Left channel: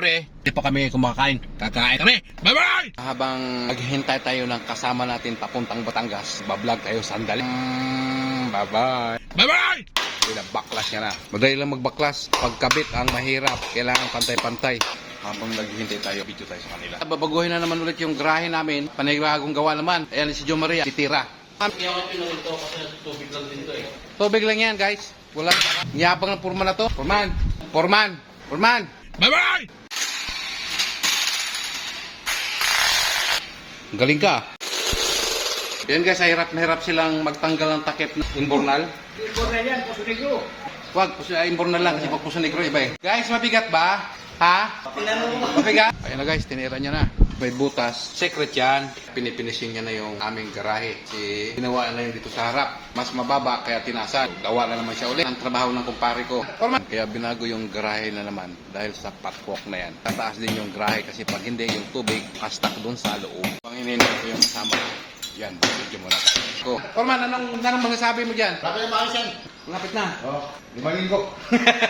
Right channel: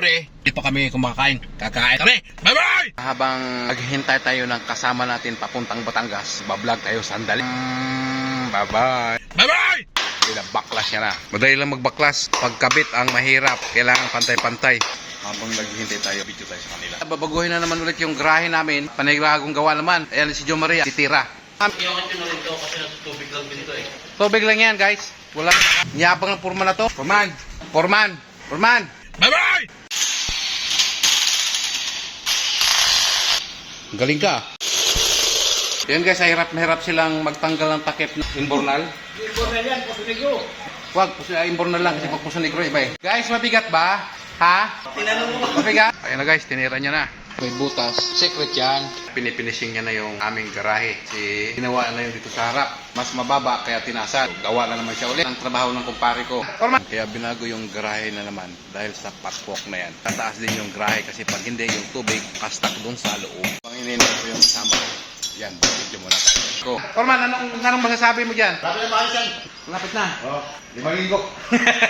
Pre, hindi pa kami kumakain. Kakain kami. Bye-bye! Habang naghihintay tayo ng kasama natin papuntang Batangas, bablog tayo sandali. Bye-bye! Bye-bye! Baklas niya na. Madali lang magbaklas. Pagkabit ang mahirap. Kailangan pantay-pantay. Habang naghihintay tayo, video tayo sa kanila. Babaguhin na naman ulit yung grahe namin. Panigurahong gawa naman. Ayan si Jo Maria, titira. Iyakit ko na rin to kasi tubig lang din to eh. Tubig lang yan, guys. Wala. Niyabang ng purman na to. Purman! Bye-bye! Galing ka. Yan guys, hirap na hirap silang magtanggal ng takip ng inbornal. Inbornal yan, puso negro. Wag, inbornal lang kasi pag puso negro iba eh. Guys, mabigat ba? Ha? Tinanong mo. Mabigat? Ayan na guys, tinira niya na. May butas. Secret yan. Pinifinishing niya na yung aming garahe. Ginawa na yung dito sa harap. Mas mababa kaya tinasan. Gawa na naman siya ulit. Ang trabaho ng kumpare ko. Kaya binago yung garahe na naman dahil sa patwalk na yan. Tataas din yung garahe kasi pag hindi yung tubig, kastak dun sa loob. Pang ininom ko yung kasama. Yan, video muna tayo. Forman, anong masasabi mo dyan? Lapit na maayos yan. Lapit na. Oo. 5 linggo.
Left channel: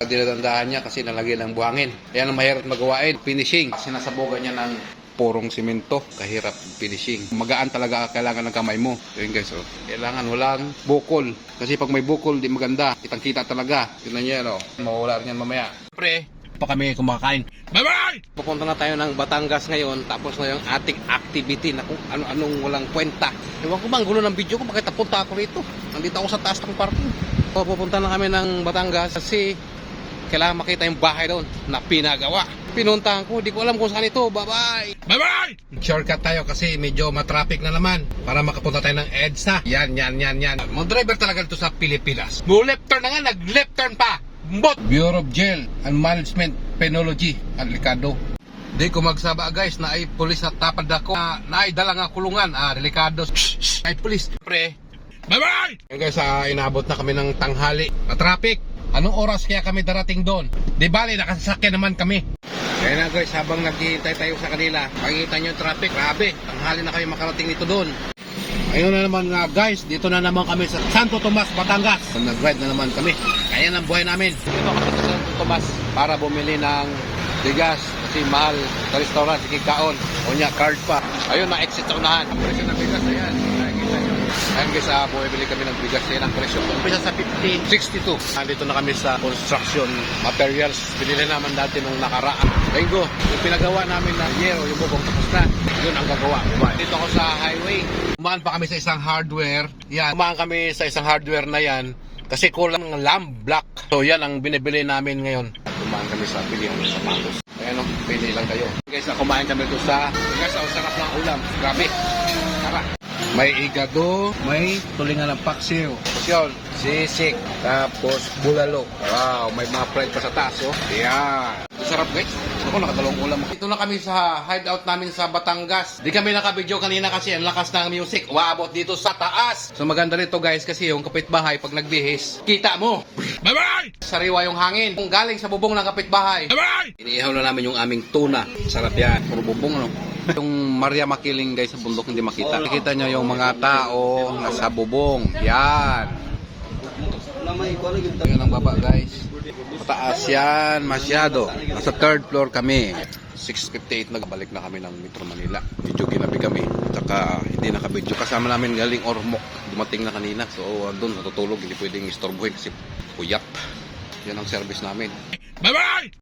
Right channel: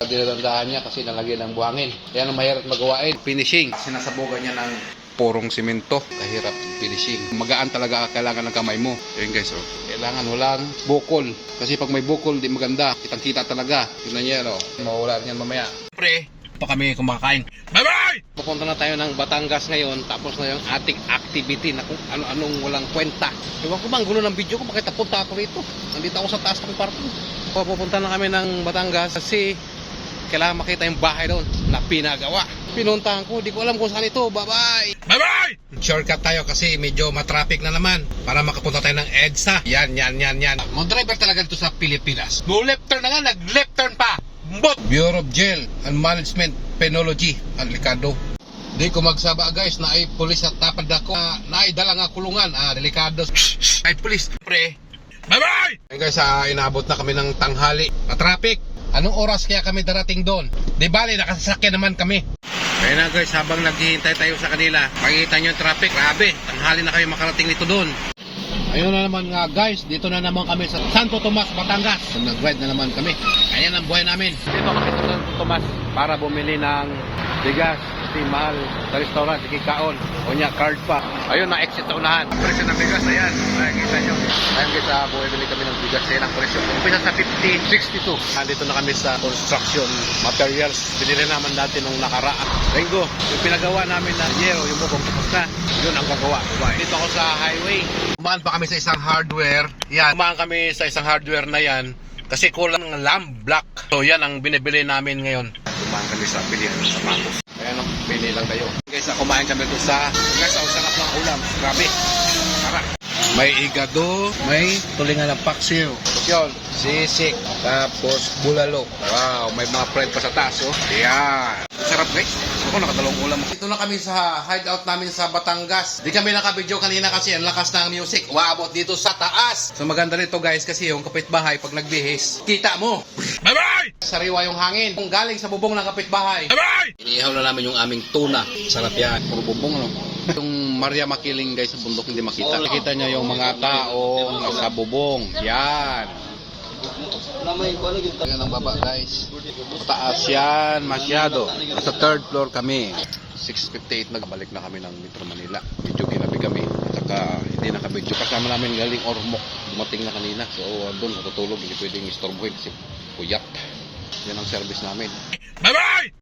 Dinadandahan niya kasi nalagyan ng buhangin. Yan ang mahirap magawain. Finishing. Sinasabugan niya ng purong simento. Kahirap finishing. Magaan talaga kailangan ng kamay mo. Yun guys, oh. Kailangan walang bukol. Kasi pag may bukol, di maganda. Kitang-kita talaga. Yun na niya, oh. Mawala rin yan mamaya. Pre, pa kami kumakain. Bye-bye! Pupunta na tayo ng Batangas ngayon. Tapos na yung ating activity na kung ano-anong walang kwenta. Ewan ko ba, ang gulo ng video ko. Bakit napunta ako rito? Nandito ako sa taas ng parking. Pupunta na kami ng Batangas kasi kailangan makita yung bahay doon na pinagawa. Pinuntahan ko, di ko alam kung saan ito. Bye-bye! Bye-bye! Shortcut tayo kasi medyo matraffic na naman para makapunta tayo ng EDSA. Yan. Mga driver talaga dito sa Pilipinas. No left turn na nga, nag-left turn pa. Bureau of Jail and Management Penology, delikado. Di ko magsaba guys na ay pulis at tapad ako na ay dala nga kulungan. Delikado. Ay pulis. Pre. Bye-bye! Hey guys, inabot na kami ng tanghali na traffic. Anong oras kaya kami darating doon? Di bali, nakasasakyan naman kami. Kaya na guys, habang naghihintay tayo sa kanila, makikita nyo yung traffic. Grabe, tanghali na kami makarating nito doon. Ayun na naman nga guys, dito na naman kami sa Santo Tomas, Batangas. Nag-ride na naman kami. Ayan ang buhay namin. Dito kami sa Santo Tomas para bumili ng bigas. Kasi mahal sa restaurant, ikikaon. O niya, card pa. Ayun, na-exit sa unahan. Ang presyo ng bigas, ayan. Nakikita nyo. Ayun guys, bumibili kami ng bigas. Ayan ang presyo. Umpisa sa 15.62. Nandito na kami sa construction materials. Binili naman dati nung nakaraan. Linggo, yung pinagawa namin na yero, yung bubong tapos na. Yun ang gagawa. Dito ako sa highway. Umaan pa kami sa isang hardware. Yan, umaan kami sa isang hardware na yan. Kasi kulang ng lamp block. So yan ang binibili namin ngayon. Umaan kami sa bilihan ng sapatos. Ayan o, pili lang tayo. Guys, kumain kami doon sa... Guys, ang sarap ng ulam. Grabe. Sarap. May igado, may tulingan ng paksiw. Yun, sisik, tapos bulalo. Wow, may mga fried pa sa taas, oh. Yan. Sarap guys. Ako nakadalawang ulam. Ito na kami sa hideout namin sa Batangas. Di kami nakabidyo kanina kasi ang lakas ng music. Waabot dito sa taas. So maganda nito guys kasi yung kapitbahay pag nagbihis, kita mo. Bye-bye! Sariwa yung hangin. Kung galing sa bubong ng kapitbahay. Bye-bye! Iniihaw na namin yung aming tuna. Sarap yan. Puro bubong, no? Yung Maria Makiling guys sa bundok hindi makita. Nakita niya yung mga tao nasa bubong. Yan. Yan ang baba guys. Mataas yan masyado. Sa third floor kami. 6:58 nagbalik na kami ng Metro Manila. Medyo ginabi kami. Saka hindi nakabidyo. Kasama namin galing Ormoc. Dumating na kanina. So doon natutulog. Hindi pwedeng istorbohin kasi puyat. Yan ang service namin. Bye-bye!